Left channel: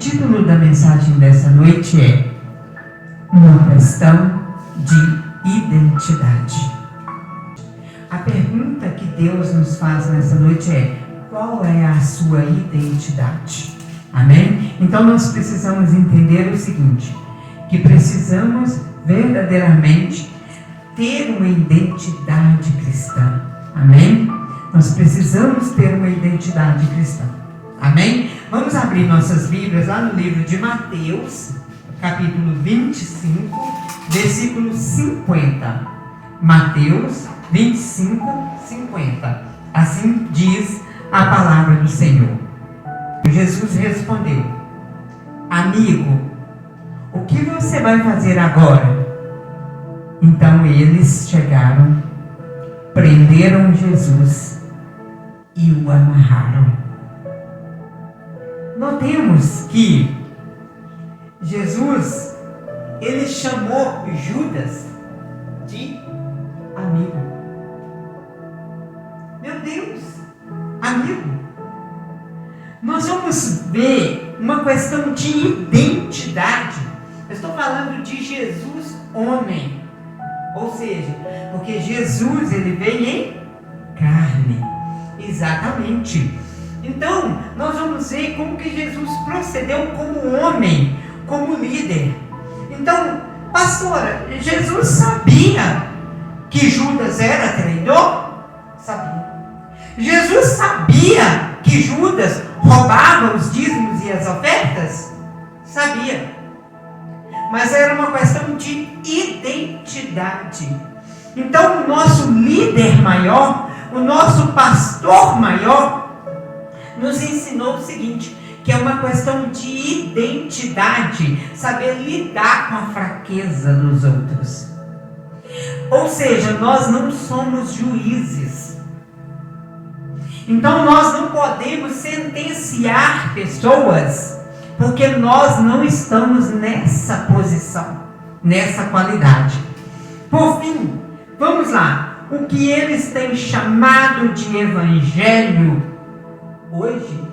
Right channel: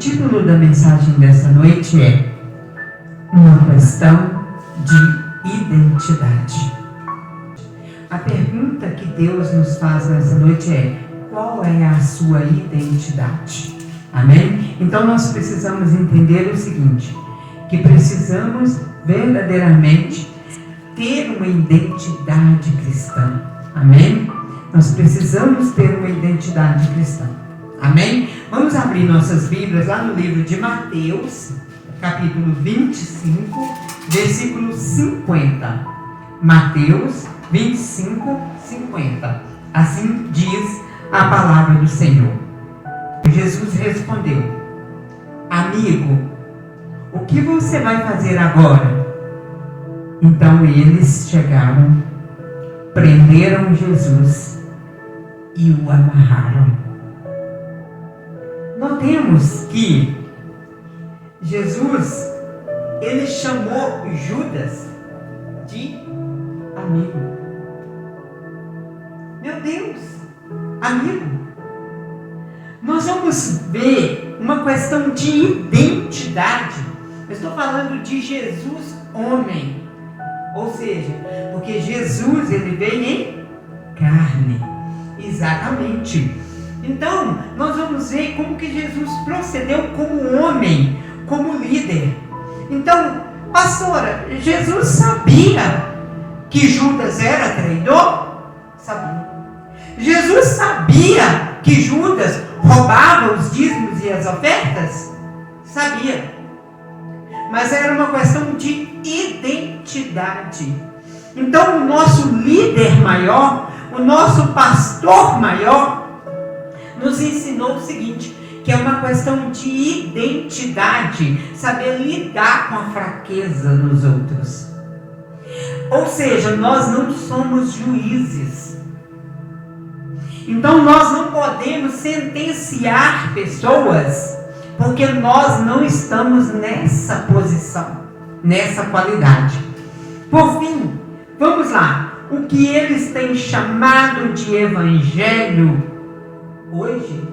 título da mensagem dessa noite é uma questão de identidade. A pergunta que Deus nos faz nessa noite é: qual é a sua identidade? Amém? Então nós precisamos entender o seguinte, que precisamos verdadeiramente ter uma identidade cristã. Amém? Nós precisamos ter uma identidade cristã. Amém? Vamos abrir nossas Bíblias lá no livro de Mateus, capítulo 25, versículo 50. Mateus 25, 50. Assim diz a palavra do Senhor. Jesus respondeu: amigo, o que você vai fazer agora? Então eles chegaram, prenderam Jesus e o amarraram. Notemos que Jesus, ele chamou Judas de amigo. Meu Deus, amigo. Nós vamos ver uma questão de identidade. Eu estou falando de Jesus homem. Ou seja, porque Jesus, ele veio em carne. Exatamente. Então, nós vamos ver como que Jesus procedeu como homem, como líder. Então, pastora, Jesus sabia que Judas era traidor? Sabia. Jesus sabia que Judas roubava os dízimos e as ofertas? Sabia. Mas era uma questão de identidade. Então, o nosso líder maior, o nosso pastor maior, nos ensinou o seguinte, que é uma questão de identidade, saber lidar com a fraqueza dos outros. Ou seja, nós não somos juízes. Então nós não podemos sentenciar pessoas, porque nós não estamos nessa posição, nessa qualidade. Por fim, vamos lá. O que eles têm chamado de evangelho hoje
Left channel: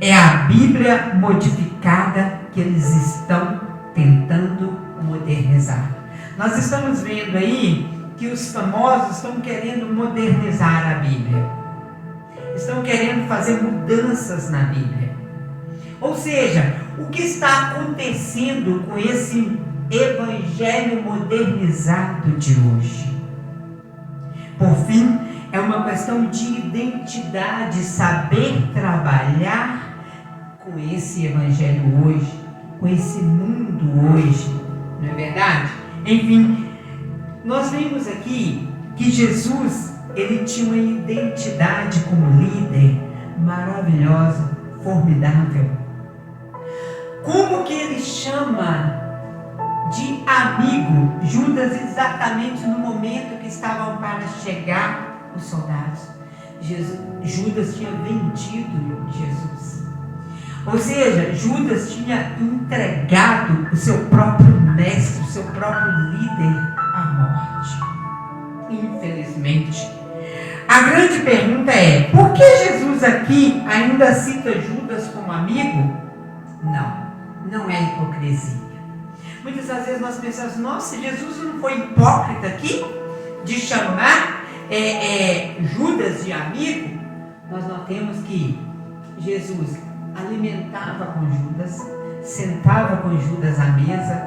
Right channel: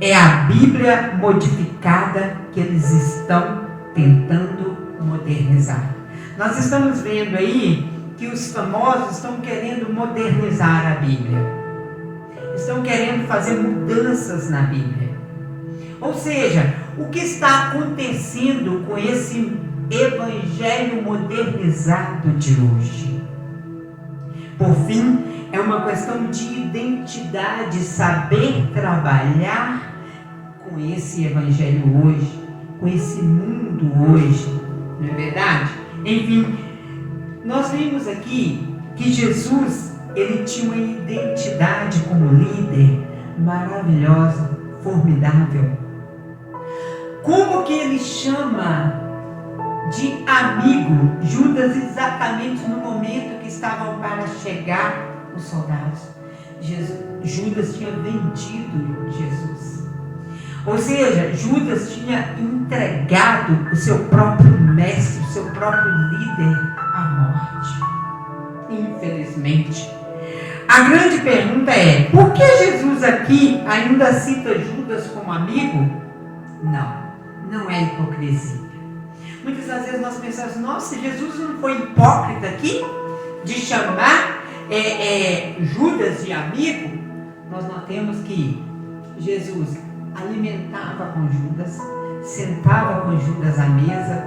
é a Bíblia modificada que eles estão tentando modernizar. Nós estamos vendo aí que os famosos estão querendo modernizar a Bíblia. Estão querendo fazer mudanças na Bíblia. Ou seja, o que está acontecendo com esse evangelho modernizado de hoje? Por fim, é uma questão de identidade, saber trabalhar com esse evangelho hoje, com esse mundo hoje, não é verdade? Enfim, nós vimos aqui que Jesus, ele tinha uma identidade como líder maravilhosa, formidável. Como que ele chama de amigo Judas exatamente no momento que estavam para chegar os soldados? Judas tinha vendido Jesus. Ou seja, Judas tinha entregado o seu próprio mestre, o seu próprio líder à morte. Infelizmente. A grande pergunta é: por que Jesus aqui ainda cita Judas como amigo? Não é hipocrisia. Muitas das vezes nós pensamos: nossa, Jesus não foi hipócrita aqui de chamar Judas de amigo? Nós notamos que Jesus alimentava com Judas, sentava com Judas à mesa.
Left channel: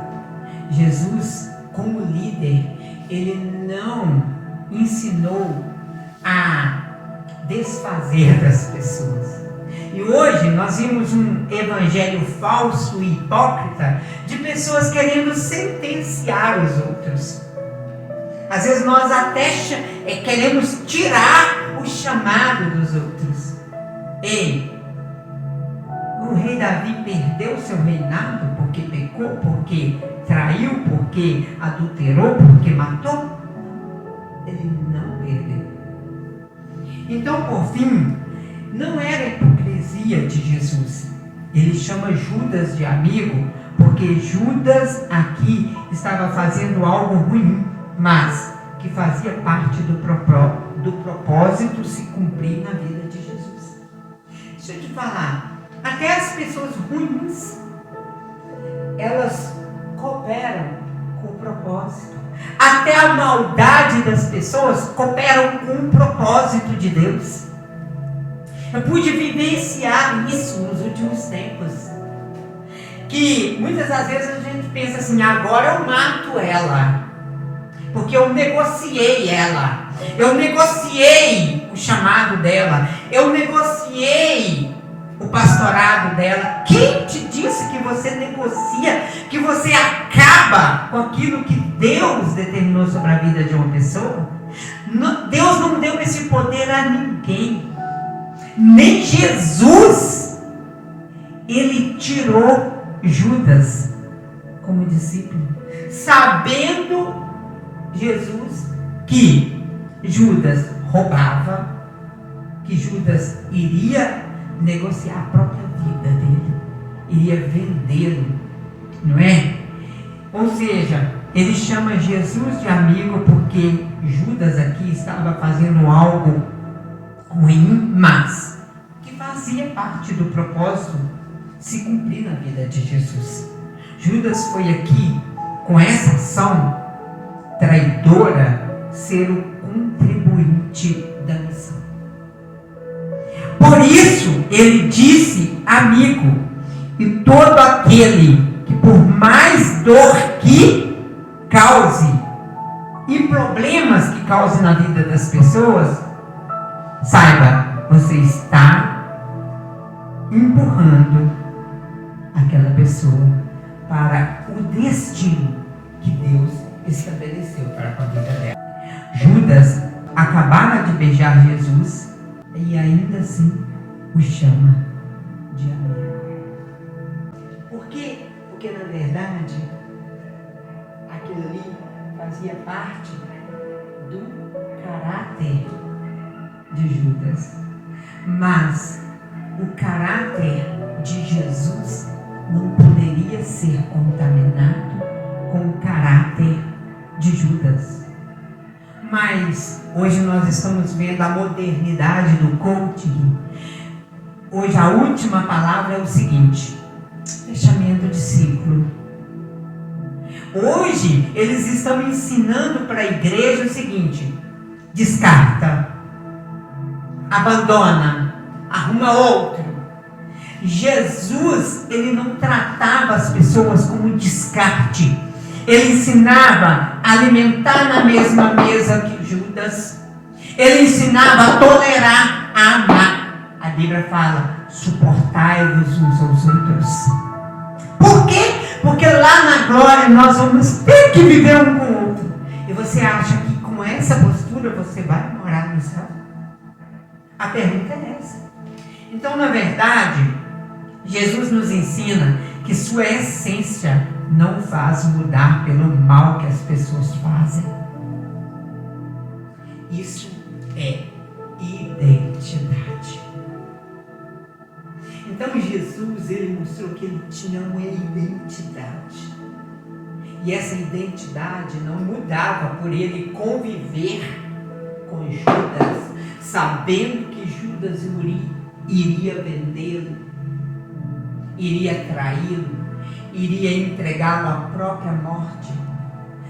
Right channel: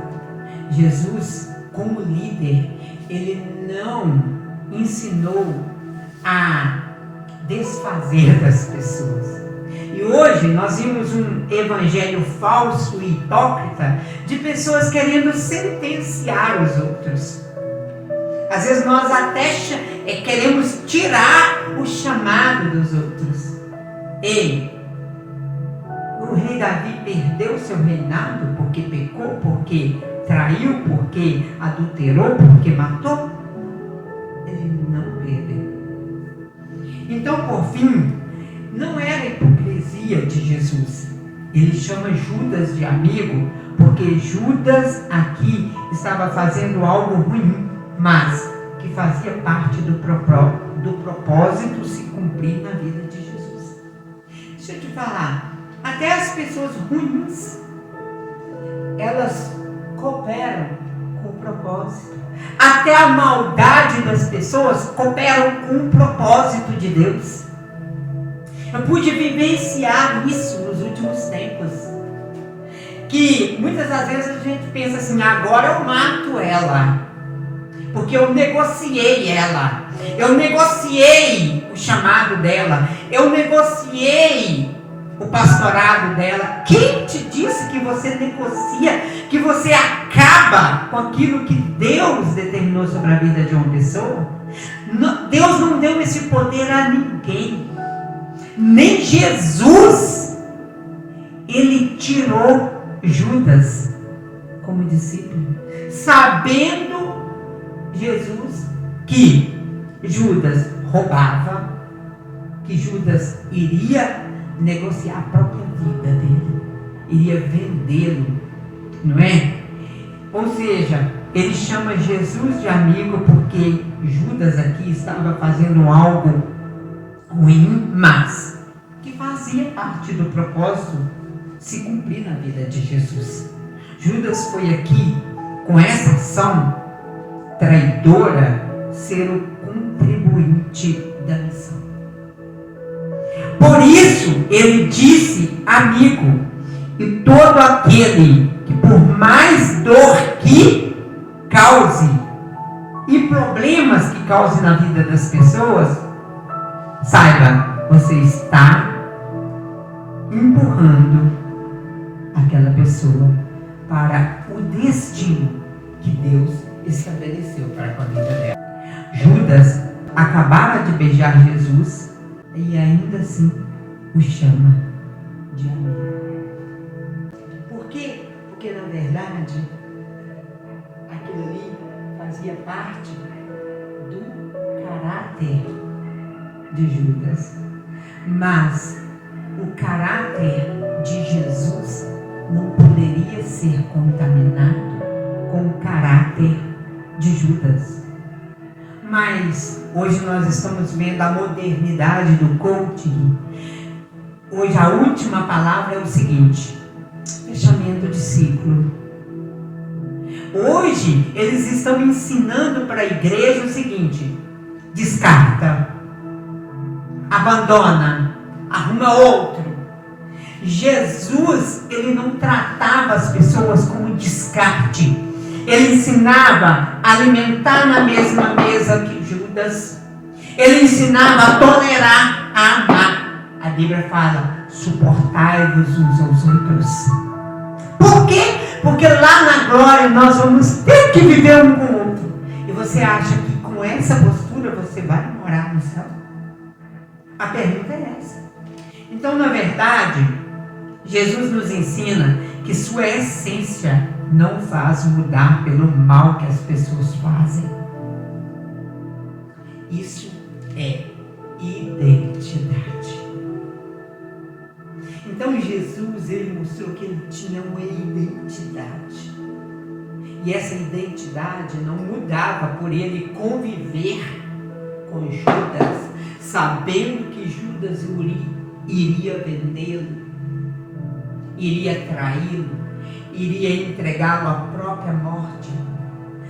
Jesus, como líder, ele não ensinou a desfazer das pessoas. E hoje nós vimos um evangelho falso e hipócrita de pessoas querendo sentenciar os outros. Às vezes nós até queremos tirar o chamado dos outros. Ei, o rei Davi perdeu seu reinado porque pecou, porque traiu, porque adulterou, porque matou? Ele não perdeu. Então, por fim, não era hipocrisia de Jesus. Ele chama Judas de amigo porque Judas aqui estava fazendo algo ruim, mas que fazia parte do propósito se cumprir na vida de Jesus. Deixa eu te falar, Até as pessoas ruins, elas cooperam com o propósito. Até a maldade das pessoas cooperam com o propósito de Deus. Eu pude vivenciar isso nos últimos tempos. Que muitas das vezes a gente pensa assim, agora eu mato ela. Porque eu negociei ela. Eu negociei o chamado dela. Eu negociei o pastorado dela. Quem te disse que você negocia, que você acaba com aquilo que Deus determinou sobre a vida de uma pessoa? Deus não deu esse poder a ninguém. Nem Jesus. Ele tirou Judas como discípulo, sabendo Jesus que Judas roubava, que Judas iria negociar a própria vida dele, iria vendê-lo, não é? Ou seja, ele chama Jesus de amigo porque Judas aqui estava fazendo algo ruim, mas que fazia parte do propósito se cumprir na vida de Jesus. Judas foi aqui, com essa ação traidora, ser o contribuinte da missão. Por isso, ele disse amigo, e todo aquele que por mais dor que cause, e problemas que cause na vida das pessoas, saiba, você está empurrando aquela pessoa para o destino que Deus estabeleceu para a vida dela. Judas acabara de beijar Jesus e ainda assim o chama de amigo. Por quê? Porque na verdade aquilo ali fazia parte do caráter de Judas. Mas o caráter de Jesus não poderia ser contaminado com o caráter de Judas. Mas hoje nós estamos vendo a modernidade do coaching. Hoje a última palavra é o seguinte: fechamento de ciclo. Hoje eles estão ensinando para a igreja o seguinte: descarta, abandona, arruma outro. Jesus, ele não tratava as pessoas como descarte. Ele ensinava a alimentar na mesma mesa que Judas. Ele ensinava a tolerar, a amar. A Bíblia fala: suportai-vos uns aos outros. Por quê? Porque lá na glória nós vamos ter que viver um com o outro. E você acha que com essa postura você vai morar no céu? A pergunta é essa. Então, na verdade, Jesus nos ensina que sua essência não faz mudar pelo mal que as pessoas fazem. Isso é identidade. Então Jesus, ele mostrou que ele tinha uma identidade. E essa identidade não mudava por ele conviver com Judas, sabendo que Judas iria vendê-lo, iria traí-lo, iria entregá-lo à própria morte,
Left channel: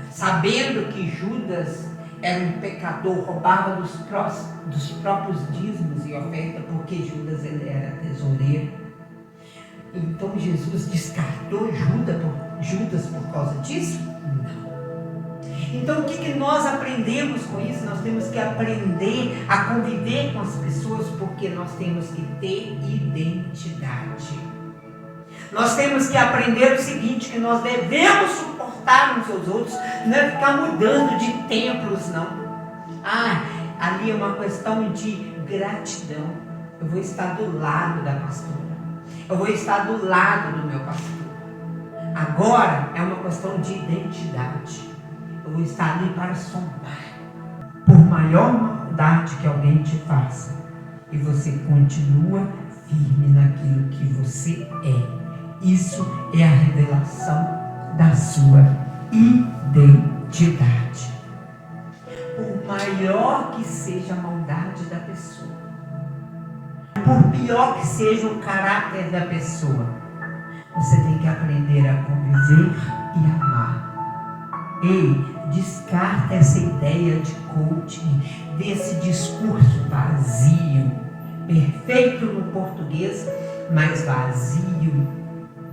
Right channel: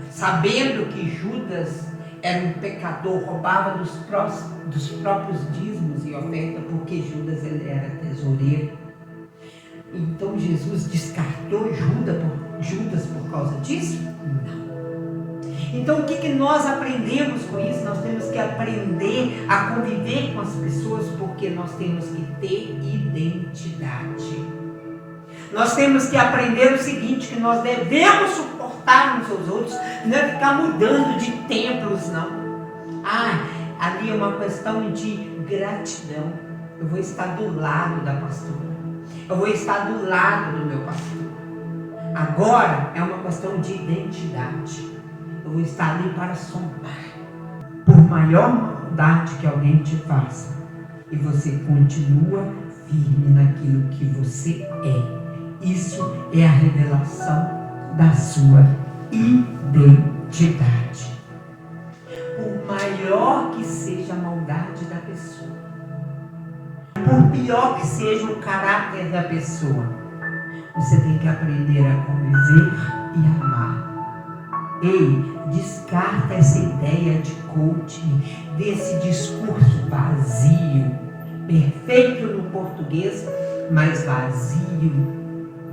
sabendo que Judas era um pecador, roubava dos próprios dízimos e oferta, porque Judas ele era tesoureiro. Então Jesus descartou Judas por causa disso? Não. Então o que nós aprendemos com isso? Nós temos que aprender a conviver com as pessoas, porque nós temos que ter identidade. Nós temos que aprender o seguinte, que nós devemos suportar uns aos outros, não é ficar mudando de templos, não. Ali é uma questão de gratidão. Eu vou estar do lado da pastora. Eu vou estar do lado do meu pastor. Agora é uma questão de identidade. Eu vou estar ali para somar. Por maior maldade que alguém te faça, e você continua firme naquilo que você é. Isso é a revelação da sua identidade. Por maior que seja a maldade da pessoa, por pior que seja o caráter da pessoa, você tem que aprender a conviver e amar. Ei, descarta essa ideia de coaching, desse discurso vazio, perfeito no português, mas vazio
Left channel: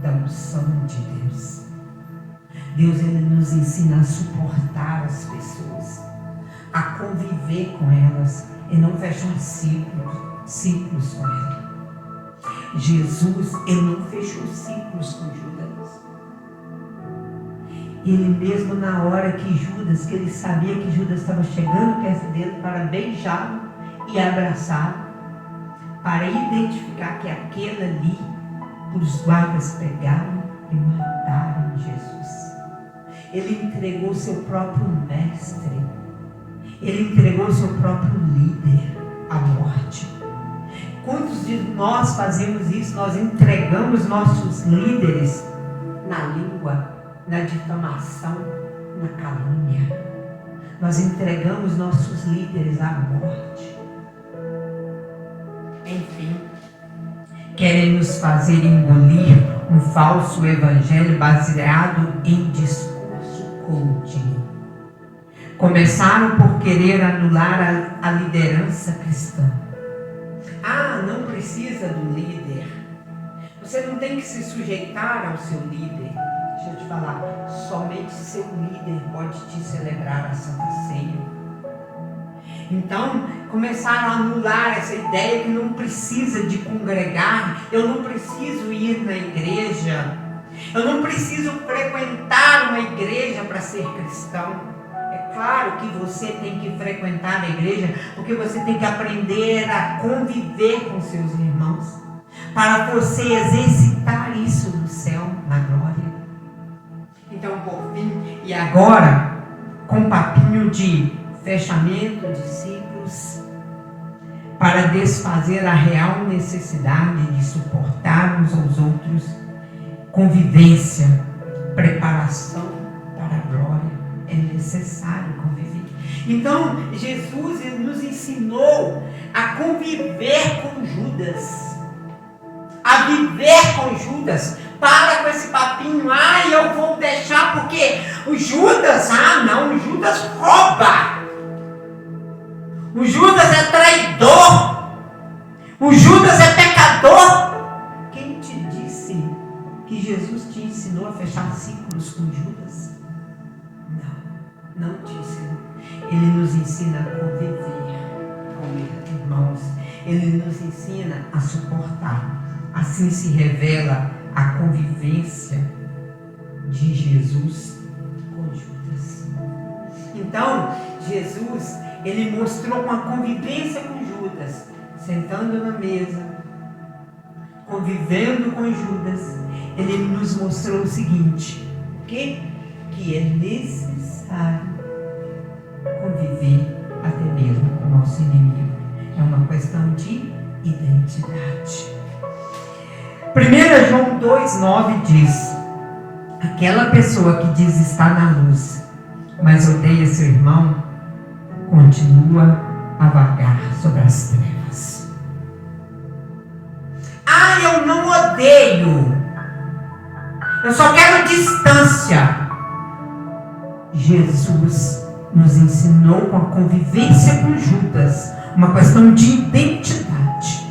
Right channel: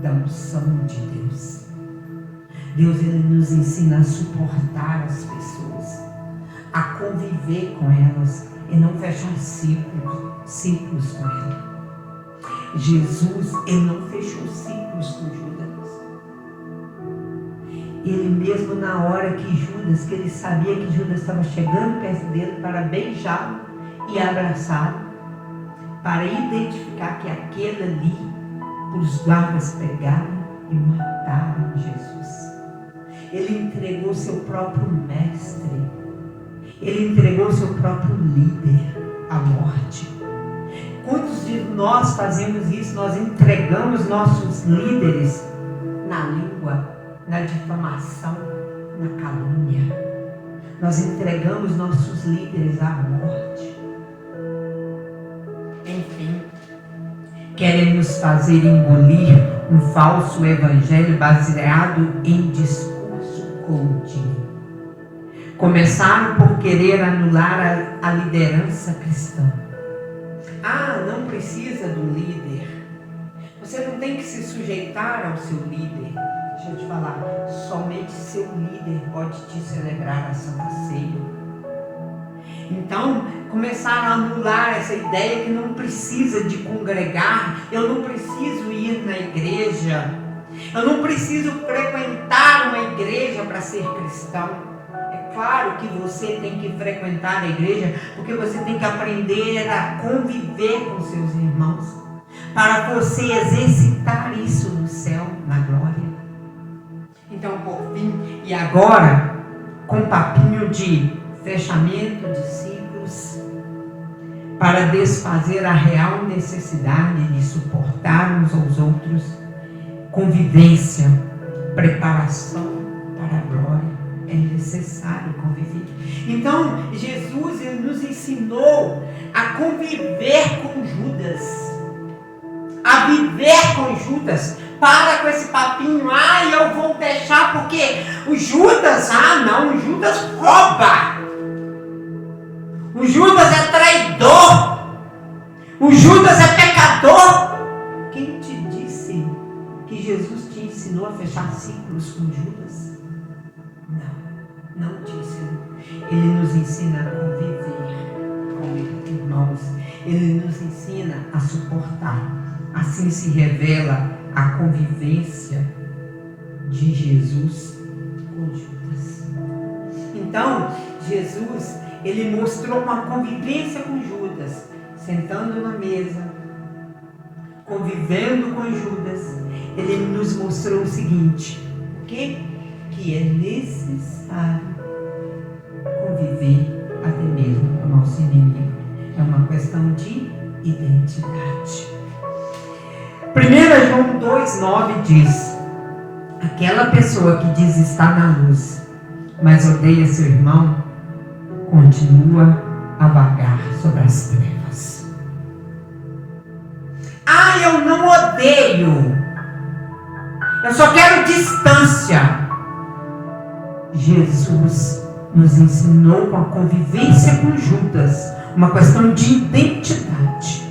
da unção de Deus. Deus, ele nos ensina a suportar as pessoas, a conviver com elas e não fechar ciclos com elas. Jesus, ele não fechou ciclos com Judas. Ele mesmo na hora que ele sabia que Judas estava chegando perto dele para beijá-lo e abraçá-lo, para identificar que aquele ali, os guardas pegaram e mataram Jesus. Ele entregou seu próprio mestre, ele entregou seu próprio líder à morte. Quantos de nós fazemos isso? Nós entregamos nossos líderes na língua, na difamação, na calúnia. Nós entregamos nossos líderes à morte. Enfim, querem nos fazer engolir um falso evangelho baseado em discurso coaching. Começaram por querer anular a liderança cristã. Ah, não precisa do líder. Você não tem que se sujeitar ao seu líder. Deixa eu te falar, somente seu líder pode te celebrar a Santa Ceia. Então, começaram a anular essa ideia que não precisa de congregar, eu não preciso ir na igreja, eu não preciso frequentar uma igreja para ser cristão. É claro que você tem que frequentar a igreja, porque você tem que aprender a conviver com seus irmãos, para você exercitar isso no céu, na glória. Então, por fim, e agora, com um papinho de fechamento de ciclos, para desfazer a real necessidade de suportar uns aos outros, convivência, preparação para a glória. É necessário conviver. Então, Jesus, ele nos ensinou a conviver com Judas, a viver com Judas. Para com esse papinho, eu vou deixar porque o Judas, o Judas rouba, o Judas é traidor, o Judas é pecador. Quem te disse que Jesus te ensinou a fechar ciclos com Judas? Não te ensinou. Ele nos ensina a conviver com irmãos, ele nos ensina a suportar. Assim se revela a convivência de Jesus com Judas. Então, Jesus, ele mostrou uma convivência com Judas, sentando na mesa, convivendo com Judas. Ele nos mostrou o seguinte: que é necessário conviver até mesmo com o nosso inimigo. É uma questão de identidade. 1 João 2,9 diz: aquela pessoa que diz estar na luz, mas odeia seu irmão, continua a vagar sobre as trevas. Eu não odeio, eu só quero distância. Jesus nos ensinou com a convivência com Judas, uma questão de identidade.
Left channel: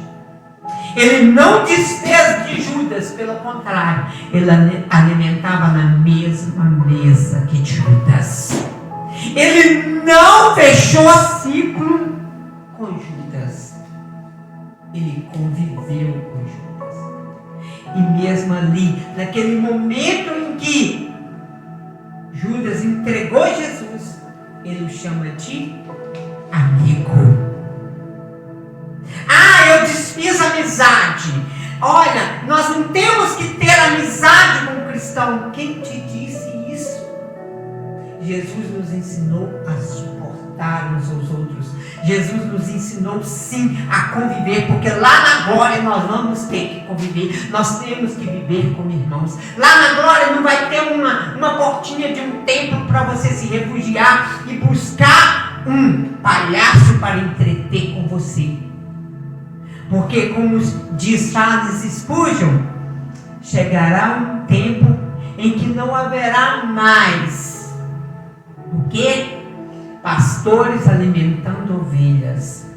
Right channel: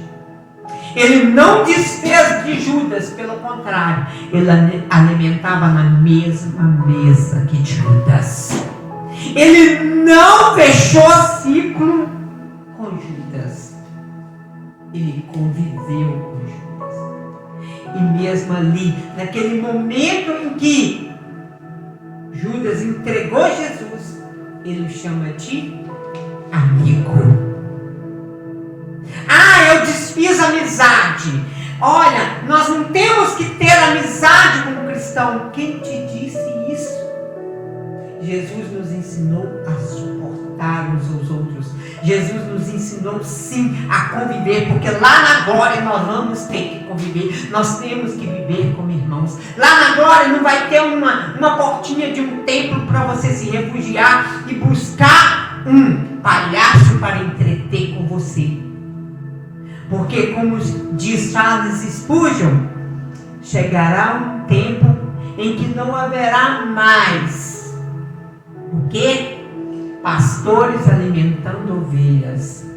Ele não desfez de Judas, pelo contrário, ele alimentava na mesma mesa que Judas. Ele não fechou ciclo com Judas, ele conviveu com Judas. E mesmo ali, naquele momento em que Judas entregou Jesus, ele o chama de amigo. Eu desfiz amizade. Olha, nós não temos que ter amizade com o cristão. Quem te disse isso? Jesus nos ensinou a suportar uns aos outros. Jesus nos ensinou sim a conviver, porque lá na glória nós vamos ter que conviver. Nós temos que viver como irmãos. Lá na glória não vai ter uma portinha de um templo para você se refugiar e buscar um palhaço para entreter com você. Porque, como diz Charles Spurgeon, chegará um tempo em que não haverá mais o que? Pastores alimentando ovelhas.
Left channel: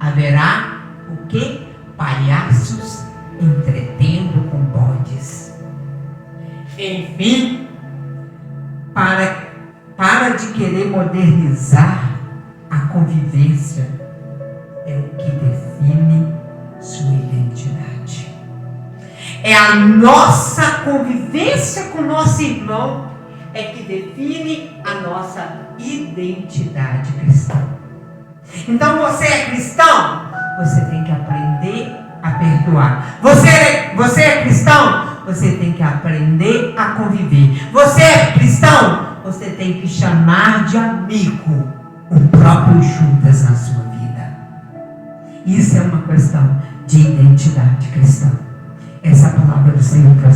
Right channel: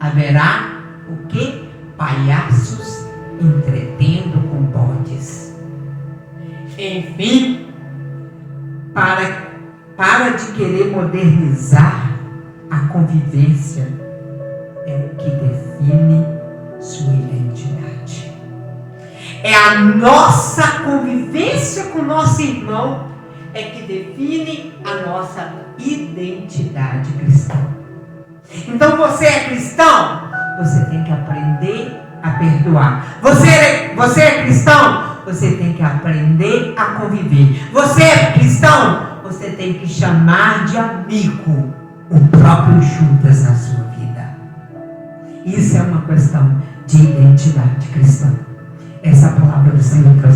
Haverá o que? Palhaços entretendo com bodes. Enfim, para de querer modernizar a convivência, é o que define sua identidade. É a nossa convivência com o nosso irmão é que define a nossa identidade cristã. Então você é cristão, você tem que aprender a perdoar. Você é cristão, você tem que aprender a conviver. Você é cristão, você tem que chamar de amigo o próprio Judas na sua vida. Isso é uma questão de identidade cristã. Essa é a palavra do Senhor para